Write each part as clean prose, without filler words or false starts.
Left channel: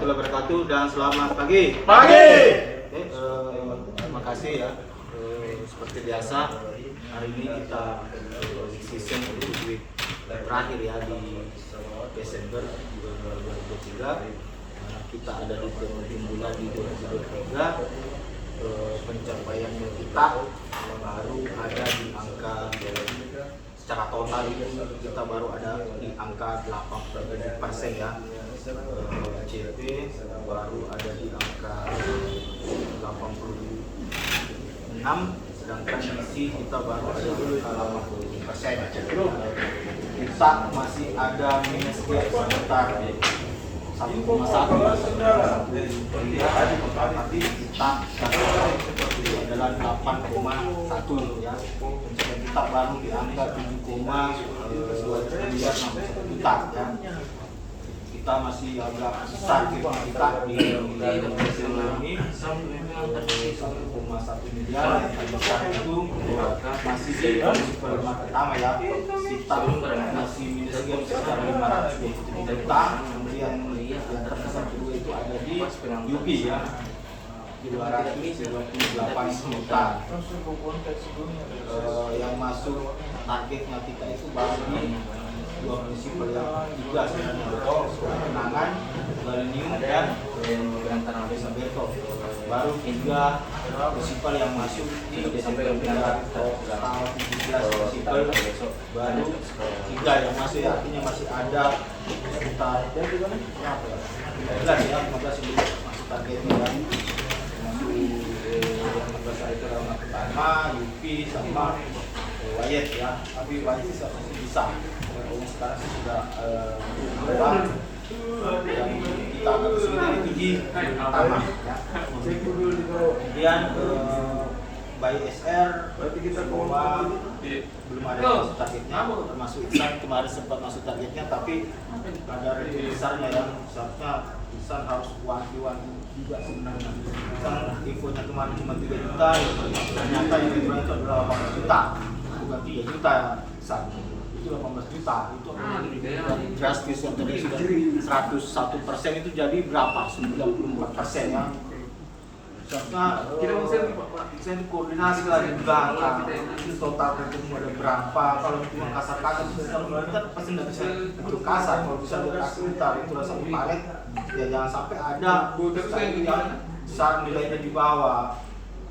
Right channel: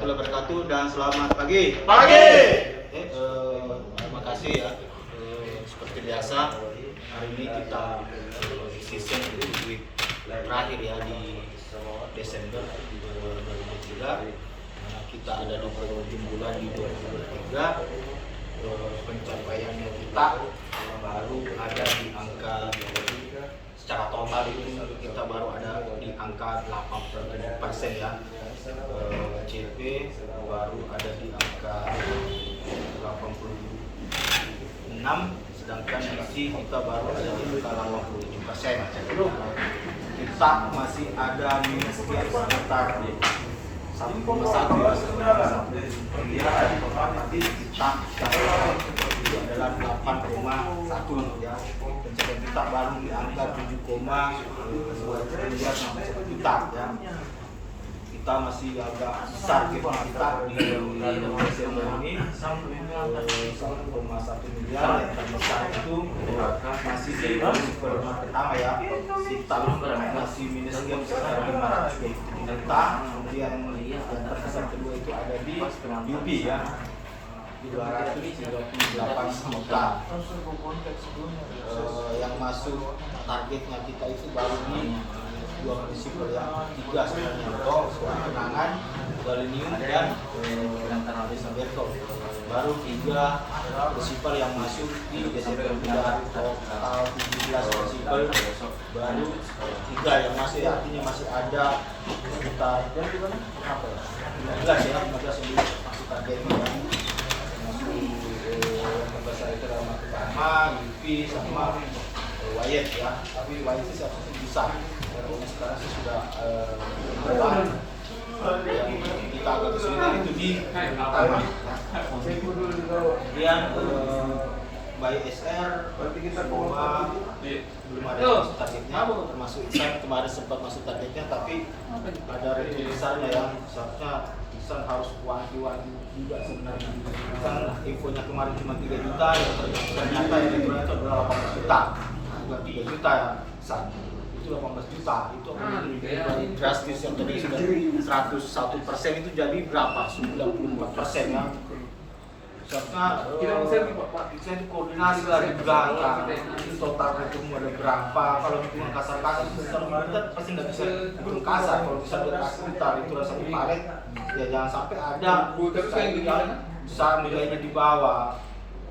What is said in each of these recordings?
warahmatullahi wabarakatuh dan selamat pagi. Terima kasih ya. Seperti biasa hari ini kita season week terakhir ya di Desember 2023. Kita ada di penghujung bulan di 2023. Pencapaiannya kita baru ada di angka secara total itu kita baru ada di angka 87% ya. CP baru ada di angka 86, sedangkan isi kita baru ada di angka 87%. Kita masih ada minus sekitar 1,1 ya, dia ada tapi kita itu adalah 8,1 ya. Pencapaian kita baru di angka 7,2 miliar 61 juta ya. Kita masih agak besar kita di Desember ini 1,1 miliar. Yang terbesar itu masih di supermarket pertama ya, kita masih minus sekitar 527 juta. Kemudian yang terbesar kedua itu ada di UP ya, 238 juta. Yang masuk targetnya kita itu baru di dua prinsipal yang juga sebenarnya, Kenangan, Galinium dan Desa Berto. Baru 3 prinsipal yang masuk di Desember dari total 17 prinsipal, baru 3 yang masih, artinya masih ada sekitar 15 ya, 15 yang masuk targetnya ya. Yang terbesar itu adalah market pertama, UP sama Wayet ya, tapi Wayet sih seharusnya bisa. Sekarang sih sudah yang kita agak kesulitan itu di pertama ya. Kemudian by SR belum ada masuk targetnya, termasuk Isan kemarin sempat masuk targetnya, tapi ada return besarnya yang seharusnya Isan harus wanti-wanti juga sebenarnya. Isan infonya kemarin cuma 3 juta, ternyata yang return itu adalah 18 juta, bukan 3 juta ya Isan. Itu 18 juta, itu drastis yang tadi sudah 101% itu jadi berapa? 94% ya. Seharusnya kita koordinasi lah di belakang, total return ada berapa, kalau itu kasar-kasar kita pasti nggak bisa hitung kasar, kalau bisa sekitar itu rasa di palet ya, jangan sampai ada yang besar nilainya di bawah.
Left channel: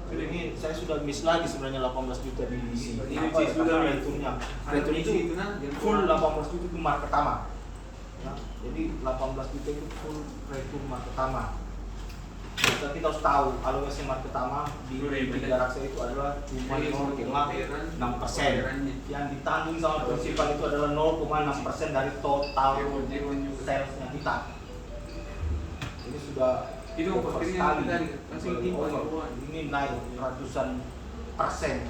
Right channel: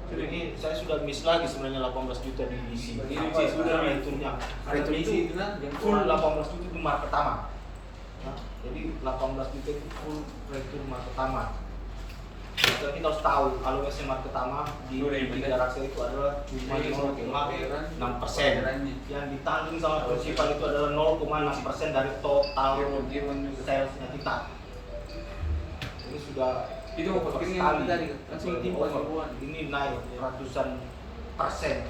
Ini saya sudah miss lagi sebenarnya 18 juta di sini. Ini sudah returnnya. Return itu full 18 juta di market pertama. Ya, jadi 18 juta itu full return market pertama. Kita harus tahu alokasi market pertama di tiga raksa itu adalah cuma 0,6%. Yang ditanggung sama prinsipal itu adalah 0,6% dari total salesnya kita. Ini sudah itu sekali. Ini naik ratusan persen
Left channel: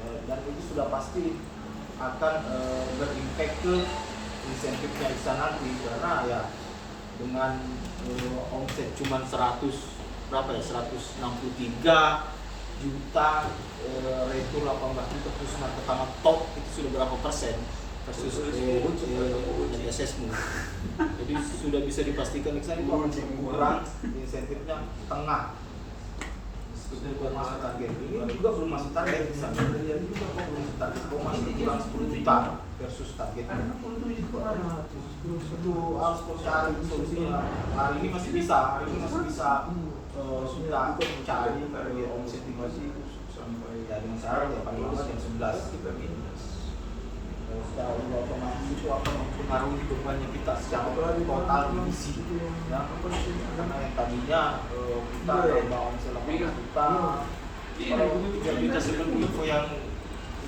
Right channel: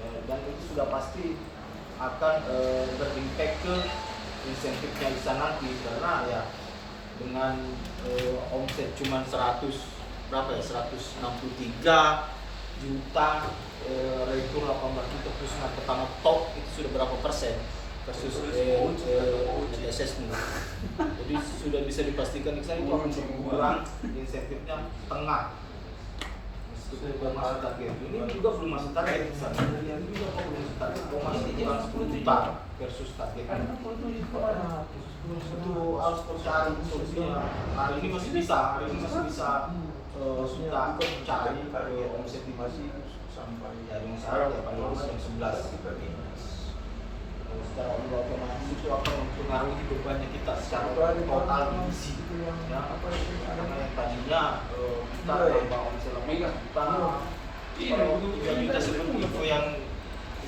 ya, dan itu sudah pasti akan berimpact ke insentifnya di sana nanti, karena ya dengan omset cuma 100 berapa ya, 163 juta, retur 18 juta terus pertama top itu sudah berapa persen versus assessment. Jadi sudah bisa dipastikan kita itu akan berkurang insentifnya setengah. Itu belum masuk target. Ini juga belum masuk target. Ini juga belum masuk target. Masih kurang 10 juta versus target. Itu harus cari solusinya. Hari ini masih bisa. Sudah cari omset itu sampai dari sekarang ya paling bagus jam 11. Secara otomatis itu akan mempengaruhi bebannya kita secara total divisi ya. Karena yang tadinya kita nambah omset 8 juta, kita sebenarnya info yang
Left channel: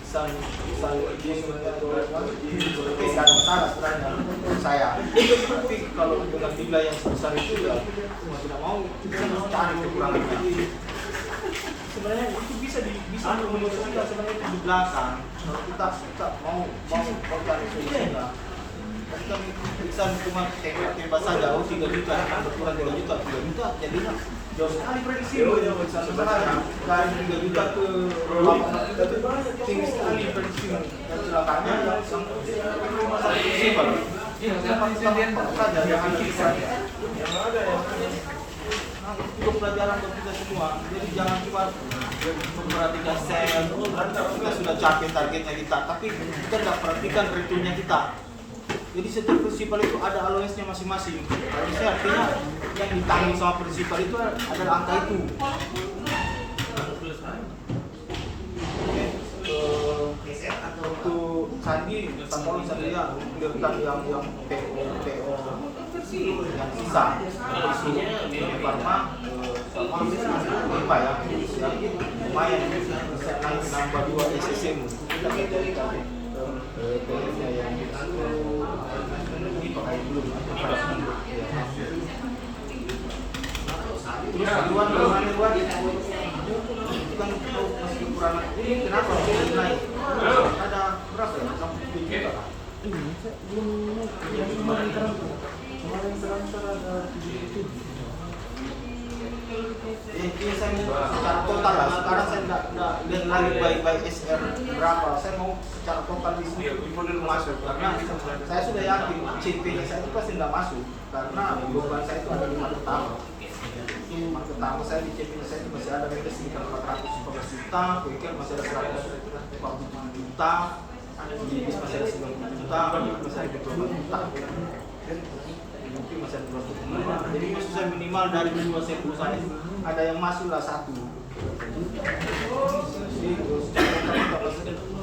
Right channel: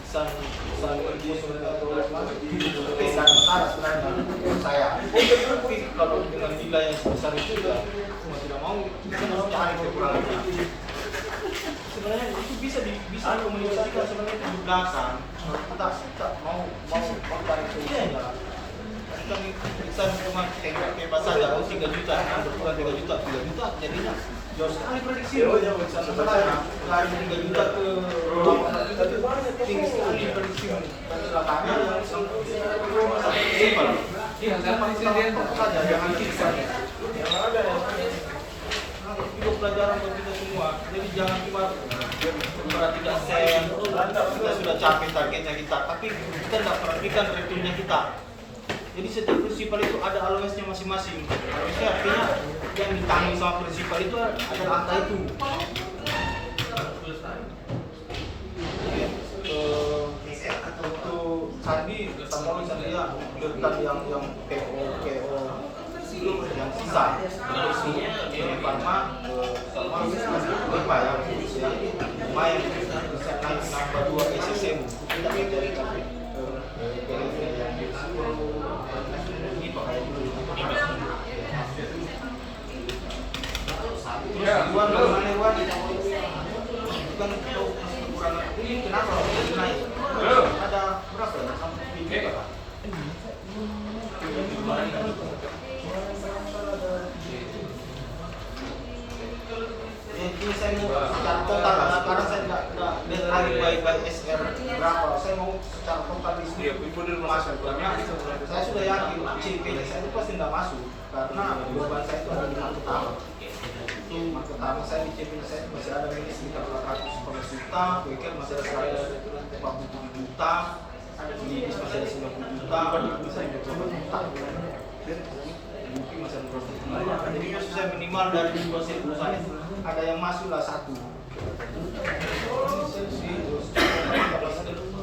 Isan itu sebenarnya tidak salah sebenarnya menurut saya. Tapi kalau dengan nilai yang sebesar itu ya mau tidak mau kita harus cari kekurangan. Sebenarnya itu bisa komunikasikan sebenarnya 17-an. Kita mau cari solusinya. Kan bisa cuma tembak saja, 3 juta, bukan 3 juta, jadinya jauh sekali prediksi loh yang bisa sebenarnya. Dari 3 juta ke 8 juta itu tinggi sekali prediksi. Dan celakanya yang cuma satu prinsipal. Ini masalah konsisten saja yang bisa. pelajaran buat kita semua. Jadi jangan cuma memperhatikan sel, kita sudah capai targetnya kita, tapi kita tidak perhatikan returnnya kita. Jadi setiap prinsipal itu ada allowance-nya masing-masing. Allowance artinya yang ditanggung sama prinsipal itu adalah angka itu. Untuk Sandi, kalau misalnya berikan yang PO yang sisa, karena sama apa ya, lumayan bisa naik ke nambah 2 SSM. Kita mencari PO-nya yang ini pakai dulu. Terus Iwan bagaimana Iwan? Kan masih kurang ini kenapa naik? Ada berapa ya? Ini saya mau secara total lah. Sekarang saya nggak lihat baik-baik SR berapa. Saya mau secara total di sini masuk karena saya sudah yakin CP saya itu pasti nggak masuk karena beban saya itu ada di market pertama. Market pertama saya di CP saya itu masih ada minus sekitar 411 juta, PK masih ada 147 juta, Jibis masih ada 90 juta, masih ada 28 juta. Mungkin masih ada 2 juta. Jadi maksud saya minimal dari 2 set perusahaan ada yang masuk lah 1.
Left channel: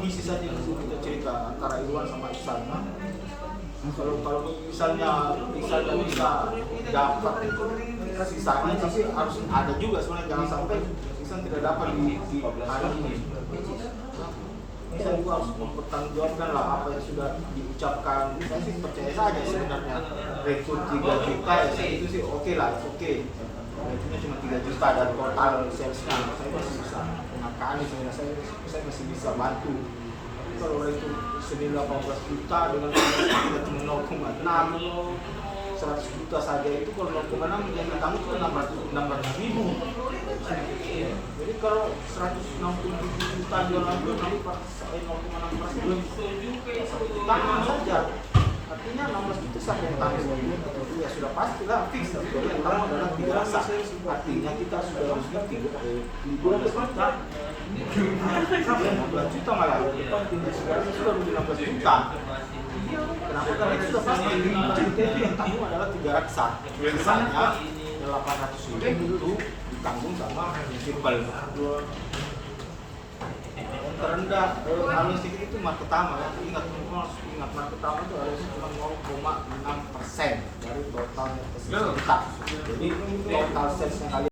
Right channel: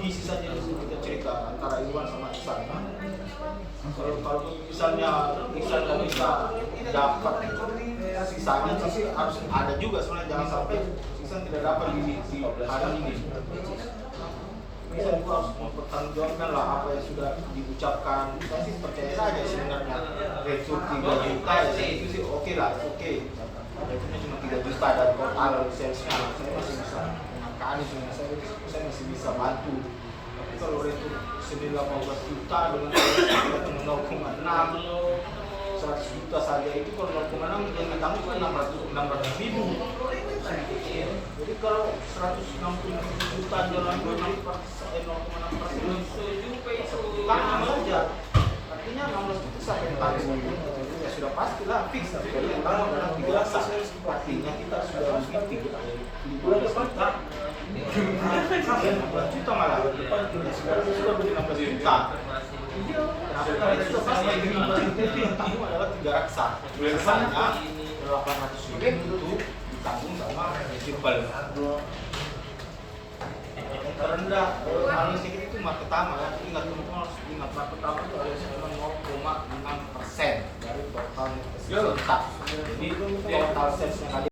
Isi saja yang kita cerita antara Iwan sama Iksan. Kalau misalnya bisa dapat sisanya sih harus ada juga sebenarnya, jangan sampai Iksan tidak dapat di hari ini. Bisa juga harus mempertanggungjawabkan lah apa yang sudah diucapkan. Saya sih percaya saja sebenarnya retur 3 juta ya itu sih oke lah, oke. Itu cuma 3 juta dari total salesnya, saya masih bisa mengakani sebenarnya, saya masih bisa bantu. Tapi kalau retur 18 juta dengan kita cuma 0,6, 100 juta saja itu kalau 0,6 yang ditanggung kan 600 ribu. Jadi kalau 160 juta jualan belum jadi 0,6% tangan saja. Artinya 16 juta siapa yang tanggung? Ya sudah pasti lah fix. Kalau yang tanggung adalah 3 rasa. Artinya kita sudah rugi 3 juta. 15 juta malah. Sekarang sudah 15 juta. Kenapa? Karena itu sudah pasti 15 juta itu yang tanggung adalah 3 raksa. Sisanya 800 ribu itu ditanggung sama prinsipal. Yang terendah halus sedikit itu market pertama ya. Ingat market pertama itu harus cuma 0,6% dari total net sales kita. Jadi total salesnya kali